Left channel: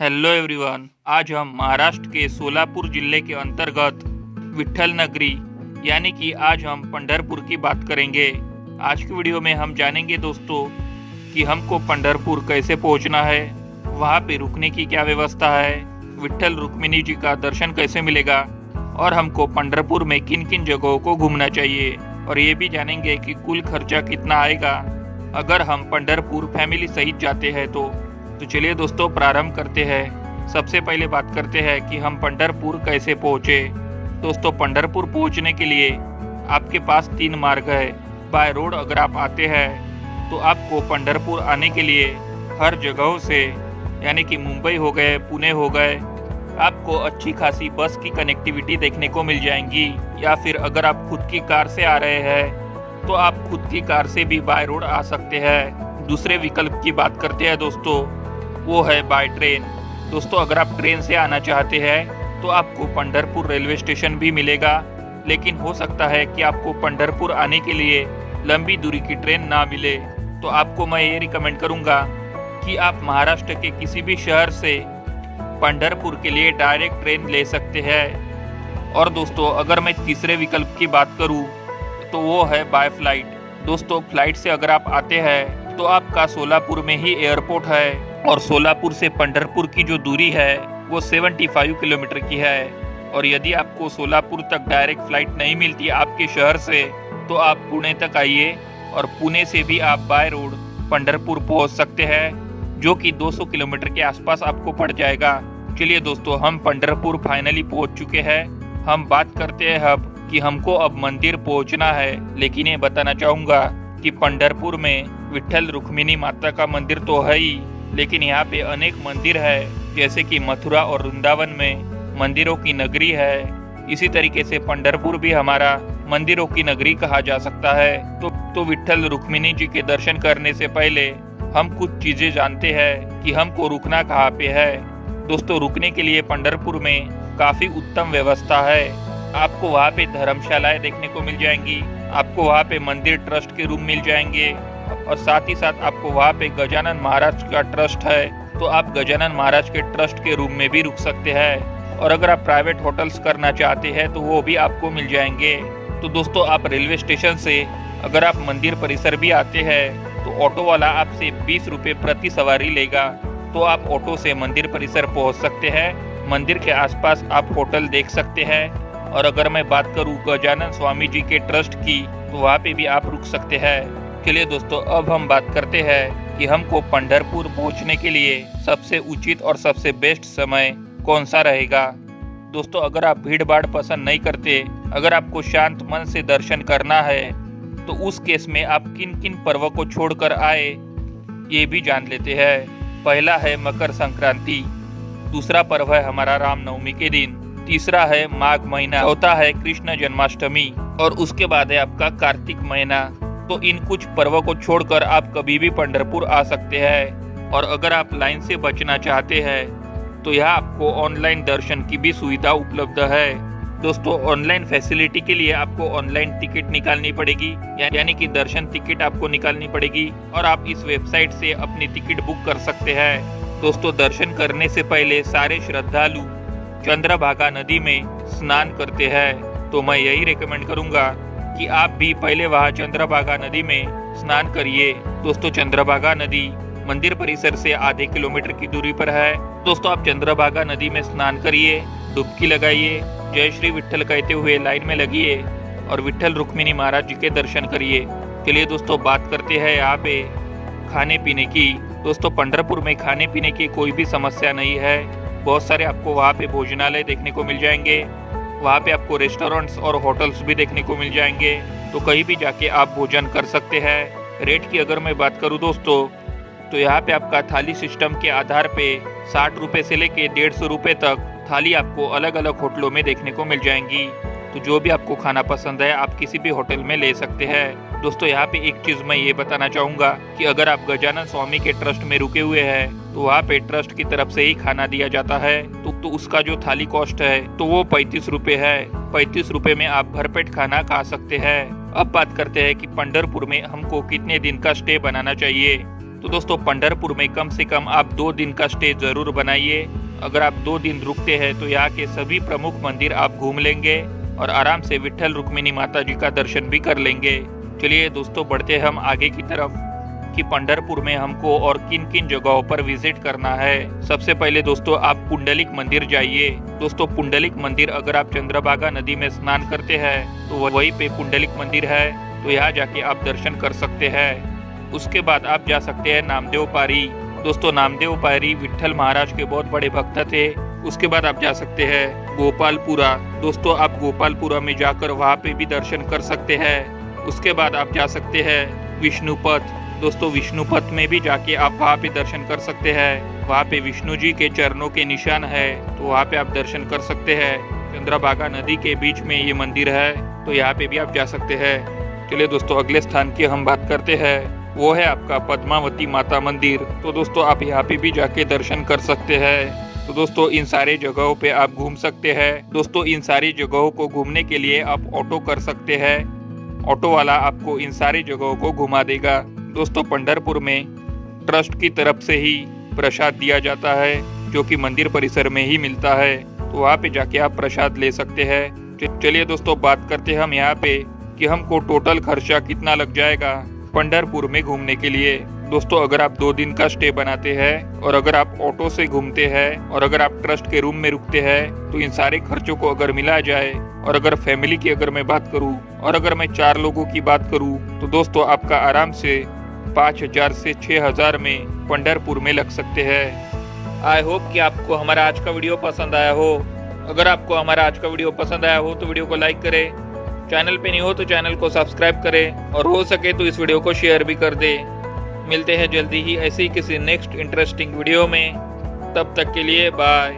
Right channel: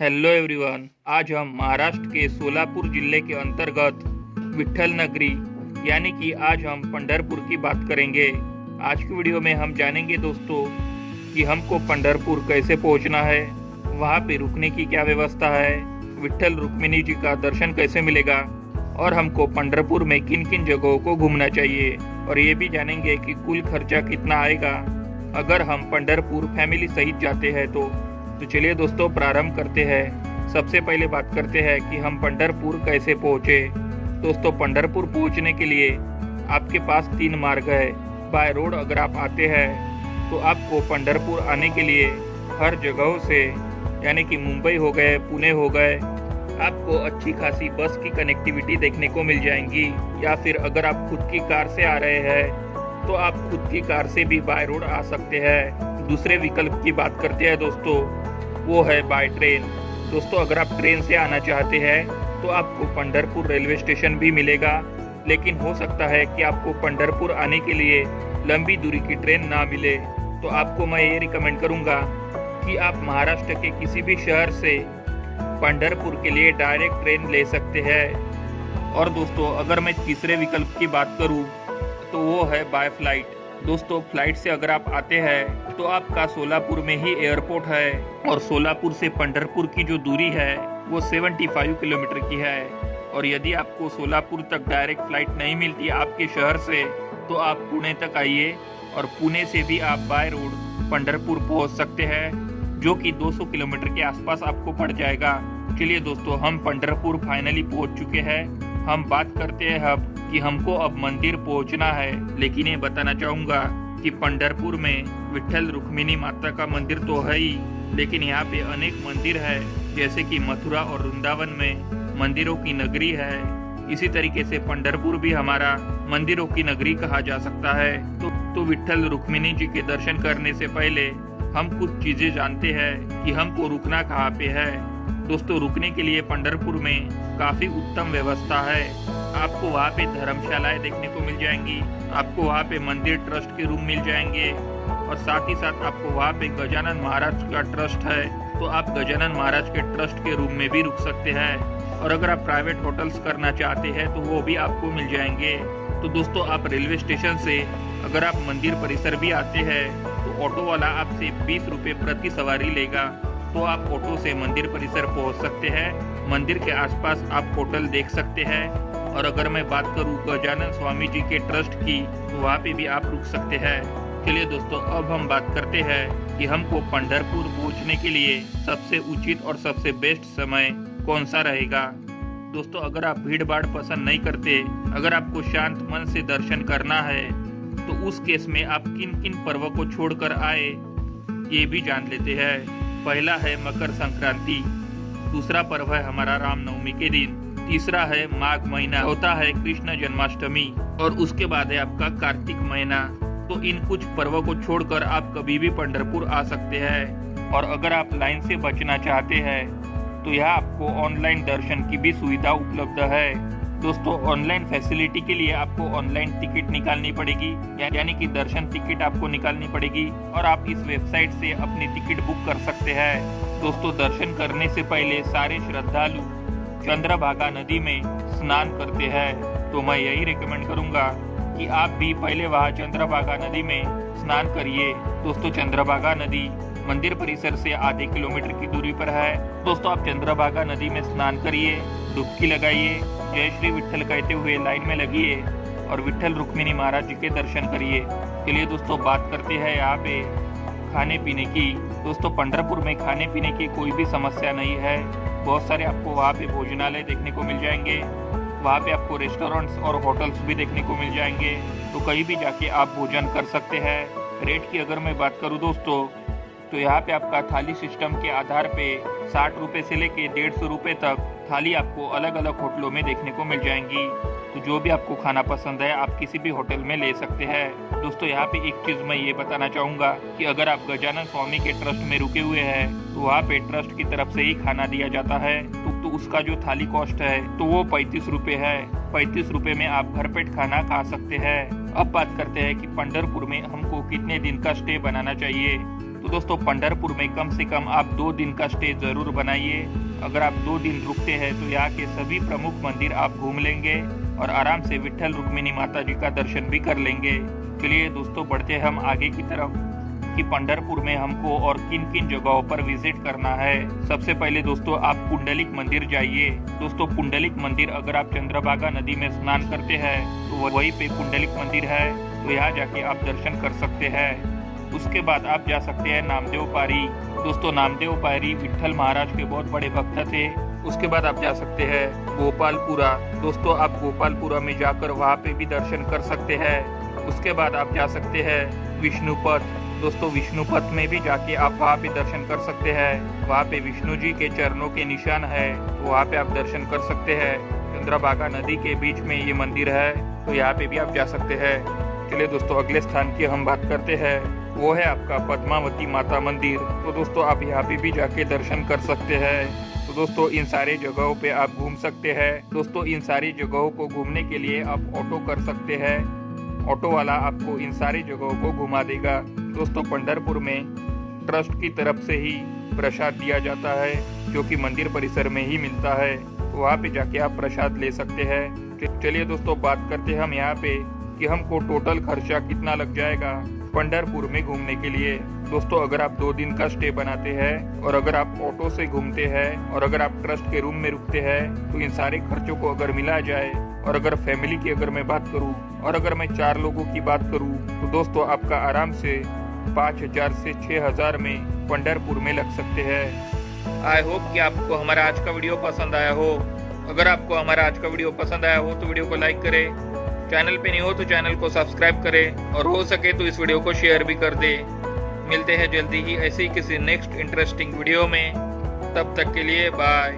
Hello everyone. आज हम महाराष्ट्र के सोलापुर जिले के अंतर्गत विट्ठल नगरी यानी कि आज हम पंढरपुर की बात करेंगे। आज की वीडियो में हम जानेंगे दोस्तों कि हमको पंढरपुर कैसे पहुंचना है, वहां पे रुकने की क्या व्यवस्था है, विट्ठल रुक्मिणी जी का दर्शन कैसे मिलेगा और हमको पंढरपुर में किन किन जगहों को घूमना चाहिए, और ये भी जानेंगे कि कुल खर्चा कितना आएगा अगर हम पंढरपुर फैमिली सहित जाते हैं। तो चलिए दोस्तों प्रारंभ करते हैं। सबसे पहले बात करते हैं कि हम पंढरपुर कैसे पहुँचे। दोस्तों पंढरपुर पहुँचने के लिए आपके पास 3 मार्ग है। बाय रोड अगर आप आते हैं तो आपको पंढरपुर आने के लिए हर जगहों से यानी कि मुंबई हो गए, पुणे हो गए, आपको अच्छी खासी बस की कनेक्टिविटी देखने को मिल जाएंगी। या फिर अगर आप खुद की कार से आ रहे हैं तो आप खुद की कार से भी बाय रोड आ सकते हैं। दूसरे विकल्प की बात करते हैं दोस्तों, वो है बाय ट्रेन। दोस्तों अगर आप ट्रेन से आना चाहते हैं तो आपको पंढरपुर रेलवे स्टेशन भी मिलेगा, लेकिन हो सकता है कि आपको पंढरपुर आने के लिए लंबी दूरी की ट्रेन ना मिले। तो आपको मैं ये रिकमेंड करूंगा कि आप महाराष्ट्र के किसी भी शहर से पंढरपुर के लिए डायरेक्ट ट्रेन ले सकते हैं। और दोस्तों अगर मैं तीसरे विकल्प की बात करूं तो वो है बाय फ्लाइट। दोस्तों फ्लाइट से अगर आप आते हैं तो आपका सोलापुर में ही एयरपोर्ट है, और सोलापुर से पंढरपुर की जो दूरी है वो 75 किलोमीटर की है। और यदि आपको सोलापुर तक डायरेक्ट फ्लाइट नहीं मिलती आपके शहर से तो आप पुणे तक आइए, और पुणे से भी आप बाय रोड पंढरपुर पहुंच सकते हैं, जो कि 200 किलोमीटर के आसपास आपको पड़ जाएगा। चलिए दोस्तों हम पंढरपुर फाइनली पहुंच चुके हैं। हम बात करते हैं अब कि हमको अब मंदिर पहुंचना है, लेकिन ये बताना चाहूंगा कि पंढरपुर में विट्ठल रुक्मिणी माता का मंदिर तो है ही, लेकिन यहाँ पे अनेक मंदिर है, जैसे कि मथुरा और वृंदावन में मंदिरों की नगरी है। इसी तरीके से पंढरपुर भी हमारा मंदिरों की नगरी कहा जा सकता है। तो विट्ठल रुक्मिणी जी के दर्शन करने से पहले हम कुछ चीजें जानते हैं कि हमको रुकना कहाँ पे है। दोस्तों रुकने के लिए पंढरपुर में काफी उत्तम व्यवस्था है। आपको वहाँ पे धर्मशालाएं देखने को मिल जाएंगी, आपको वहाँ पे मंदिर ट्रस्ट के रूम मिल जाएंगे, और साथ ही साथ आपको वहाँ पे गजानन महाराज का ट्रस्ट है तो आप गजानन महाराज के ट्रस्ट के रूम में भी रुक सकते हैं। और अगर आप प्राइवेट होटल्स करना चाहते हैं तो वो भी आपको मिल जाएंगे। तो दोस्तों आप रेलवे स्टेशन से अगर आप मंदिर परिसर भी आते हैं तो ऑटो वाला आपसे 20 रुपये प्रति सवारी लेगा, तो आप ऑटो से मंदिर परिसर पहुँच सकते हैं। मंदिर के आसपास आप होटल देख सकते हैं। और अगर मैं बात करूँ गजानन स्वामी जी के ट्रस्ट की तो वहाँ पे भी आप रुक सकते हैं। चलिए दोस्तों अब हम बात करते हैं कि हमको पंढरपुर पहुंचने के लिए सबसे उचित और सबसे बेस्ट समय कौन सा रहेगा। दोस्तों अगर आप भीड़ भाड़ पसंद नहीं करते, अगर आपको शांत मन से दर्शन करना है तो उस केस में आप किन किन पर्वों को छोड़कर आए ये भी जान लेते हैं। पहला है मकर संक्रांति, दूसरा पर्व है हमारा रामनवमी के दिन, तीसरा है माघ महीना, चौथा है कृष्ण जन्माष्टमी, और उसके बाद है आपका कार्तिक महीना। तो इन कुछ पर्वों को छोड़कर आप कभी भी पंढरपुर आ सकते हैं। और अगर आप लाइन से बचना चाहते हैं तो यहाँ आपको ऑनलाइन दर्शन की भी सुविधा उपलब्ध है। दोस्तों ऑनलाइन फैसिलिटी के लिए आपको ऑनलाइन टिकट निकालनी पड़ेगी, यानी कि दर्शन टिकट आपको निकालनी पड़ेगी, और आप इस वेबसाइट से अपनी टिकट बुक कर सकते हैं। दोस्तों दर्शन करने से पहले सारे श्रद्धालु चंद्रभागा नदी में स्नान करते हैं, तो मैं यही रिकमेंड करूंगा कि आप भी पहले वहाँ चंद्रभागा नदी में स्नान करिए। दोस्तों चंद्रभागा नदी मंदिर परिसर से आधे किलोमीटर की दूरी पर है। दोस्तों आप चंद्रभागा नदी में स्नान करिए, डुबकी लगाइए, जय श्री विट्ठल कहते हुए लाइन में लगिए और विट्ठल रुक्मिणी महाराज जी के दर्शन करिए। चलिए दोस्तों बात करते हैं यहाँ पे खाने पीने की। दोस्तों पंढरपुर में खाने पीने की कोई भी समस्या नहीं है। बहुत सारे आपको वहाँ पे भोजनालय देखने को मिल जाएंगे, वहाँ पे आपको रेस्टोरेंट्स और होटल्स भी देखने को मिल जाएंगे, तो कहीं भी जाके आप भोजन कर सकते हैं। रेट की अगर मैं बात करूँ दोस्तों तो यहाँ पे आपका थाली सिस्टम के आधार पे 60 रुपये से लेके 150 रुपये तक थाली आपको अलग अलग होटलों में देखने को मिल जाएंगी। तो जो भी आपको खाना पसंद है आप किसी भी होटल में ले सकते हैं। दोस्तों यहाँ पे एक चीज मैं ये बताना चाहूंगा कि अगर आप गजानन स्वामी के ट्रस्ट में रुके हुए हैं तो वहाँ पे ट्रस्ट की तरफ से ही खाना दिया जाता है, तो उसका जो थाली कॉस्ट है तो वो 35 रुपये है। 35 रुपये में आप भरपेट खाना खा सकते हैं। अब बात करते हैं कि पंढरपुर में हमको कितने दिन का स्टे बनाना चाहिए। तो दोस्तों पंढरपुर में कम से कम आप 2 दिन का स्टे जरूर बनाइए। अगर आप 2 दिन रुकते हैं तो यहाँ के सभी प्रमुख मंदिर आप घूम लेंगे और आराम से विट्ठल रुक्मिणी माता जी का दर्शन भी कर लेंगे। चलिए दोस्तों बढ़ते हम आगे की तरफ कि पंढरपुर में हमको और किन किन जगहों पर विजिट करना है। सबसे पहले दोस्तों आप पुंडलिक मंदिर जाइए। दोस्तों पुंडलिक मंदिर अगर आप चंद्रभागा नदी में स्नान करते हैं तो वहीं पे पुंडलिक मंदिर है, तो यहाँ जाके आप दर्शन कर सकते हैं। उसके बाद आप जा सकते हैं नामदेव पारी। दोस्तों नामदेव पारी विट्ठल महाराज के बहुत बड़े भक्त थे। उसके बाद आप जा सकते हैं गोपालपुरा। दोस्तों आप गोपालपुरा में जाकर वहाँ पे भी दर्शन कर सकते हैं। उसके बाद आप जा सकते हैं विष्णुपथ। दोस्तों विष्णुपथ में भी जाके आप वहाँ पे दर्शन कर सकते हैं। वहाँ पे विष्णु जी के चरणों के निशान है, तो वहाँ पे आप दर्शन कर सकते हैं। चंद्रभागा नदी के बीच में ये मंदिर है, तो यहाँ पे भी आप जा सकते हैं। चलिए दोस्तों अगले स्थान की हम बात करते हैं, वो है आपका पद्मावती माता मंदिर। तो दोस्तों आप यहाँ पे भी जाके दर्शन कर सकते हैं। तो दोस्तों इन सारे जगहों पे आप घूम सकते हैं। दोस्तों इन सारी जगहों को घूमने के लिए आप ऑटो कर सकते हैं। ऑटो वाला आपको इन सारी जगहों को घुमा देगा। दोस्तों पंढरपुर में ट्रस्ट की तरफ से ही प्रसाद दिया जाता है, जो कि मंदिर परिसर में ही मिलता है, तो वहाँ पे जाके आप प्रसाद ले सकते हैं। चलिए दोस्तों बात करते हैं हम यहाँ पे कि हमको टोटल खर्चा कितना लग जाएगा पंढरपुर में घूमने के लिए। दोस्तों अगर आप 2 दिन का स्टे बनाते हैं और अगर आप ऑटो से घूमते हैं और अगर आप ट्रस्ट के रूम में रुकते हैं, तो इन सारे खर्चों को अगर मिला जाए और अगर फैमिली की अगर मैं बात करूं और अगर मैं 4 लोगों की बात करूं, तो दोस्तों आपका आराम से 5,000 से 6,000 में पंढरपुर में लग सकते हैं। आई होप कि आपको हमारा आज का वीडियो पसंद आया हो। अगर आपको हमारा आज का वीडियो पसंद आया हो तो वीडियो को लाइक करें, चैनल पे नहीं हो तो चैनल को सब्सक्राइब करें और हो सके तो इस वीडियो को शेयर भी कर दे। मिलते हैं जल्दी ही ऐसे ही किसी नेक्स्ट इंटरेस्टिंग वीडियो में, तब तक के लिए बाय।